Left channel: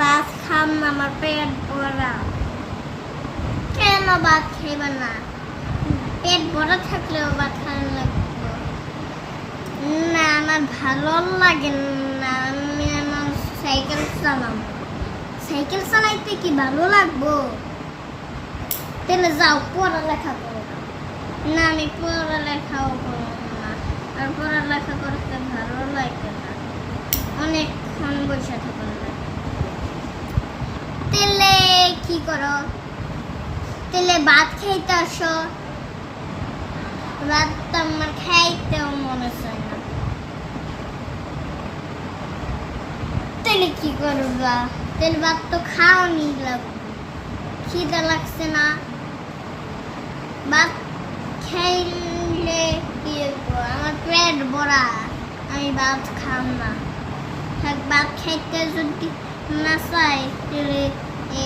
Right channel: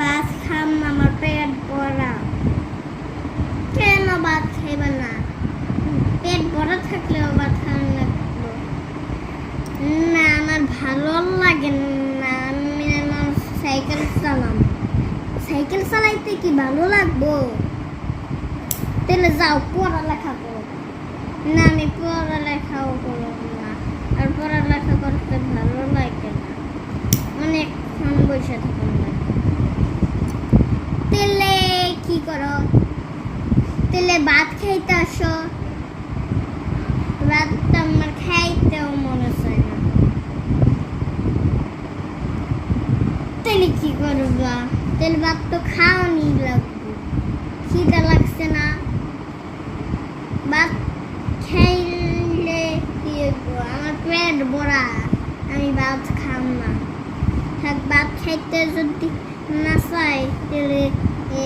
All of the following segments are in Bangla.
ভাত খাম আমার পেট ভরা। কেন ভাত খাইবা না? পেট ভরা থাকলেও ভাত খাওয়া লাগবে। না আমার ভালো লাগে না আমি আমার সাইকেল চালাম। সাইকেল চালাইতে কি ভালো লাগবো? তাহলে যাও পড়ালেখা করো। না আমি পড়ালেখাও করব না। আর পড়ালেখা করতে ভালো লাগে না। অনেকক্ষণ বসে থাকুন লাগে তেলে কি করো? তেলে ভাত খাইতে আসো। ভাত আমার খাইতেও মনে চায় না। তাহলে কি করবা তেল ভাত তো খাওয়ানি লাগবে। খিদে লাগছে না। ভাত খাইলে কি? আমার পেট ভরা। আমি ভাত খাম না। ভাত খাইতে যদি না চাই তাহলে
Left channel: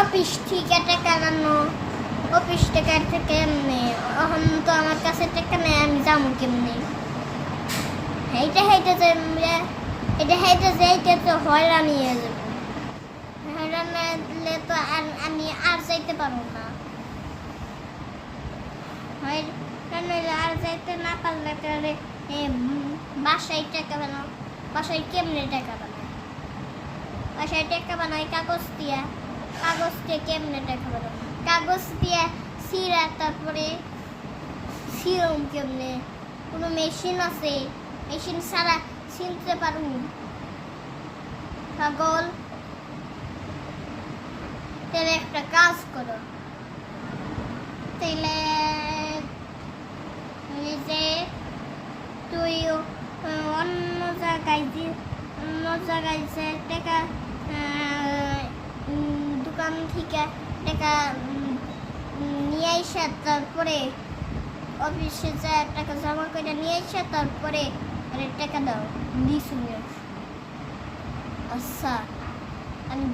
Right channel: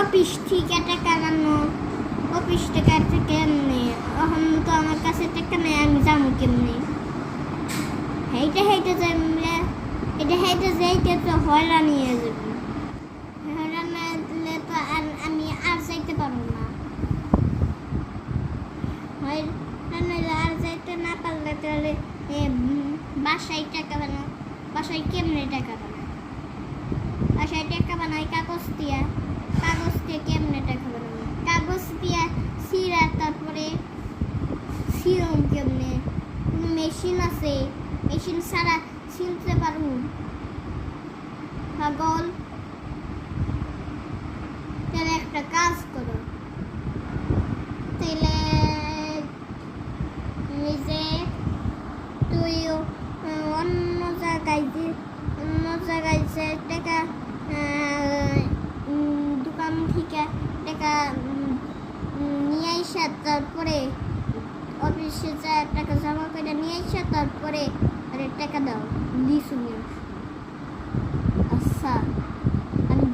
অফিস থেকে টাকা আনো অফিস টাকা থেকে কেমনে? এখন তো আমার কাছে টাকা নেই আমি যাব কেমনে? হেইটা হেইটা যে এটা হেইটা যে হেইটা তো হয়রানি হয়ে যাবে। হয়রানি তো আর আমি আর যাইতে পারব না। হয়রানি আর যাইতে না পারলে তাহলে বাসায় টাকা বানাও। বাসায় কেমনে টাকা বানায়? বাসায় টাকা বানায় কাগজ দিয়া। কাগজ দিয়ে কেমনে টাকা কাগজ দিয়া সিরা তারপরে সিরম কেমনে? কোনো মেশিন আছে? মেশিন ছাড়া ছিনতে পারব? পাগল? তাহলে একটা কাজ করো। তাহলে যে তুই অন্য জায়গায় অন্য জায়গায় যে টাকা দোকান থেকে টাকা নিয়ে আসা তারপরে অফিসে যা টাকা জমা করে নিয়ে আসা তারপরে টাকা দাও দিস আচ্ছা আমি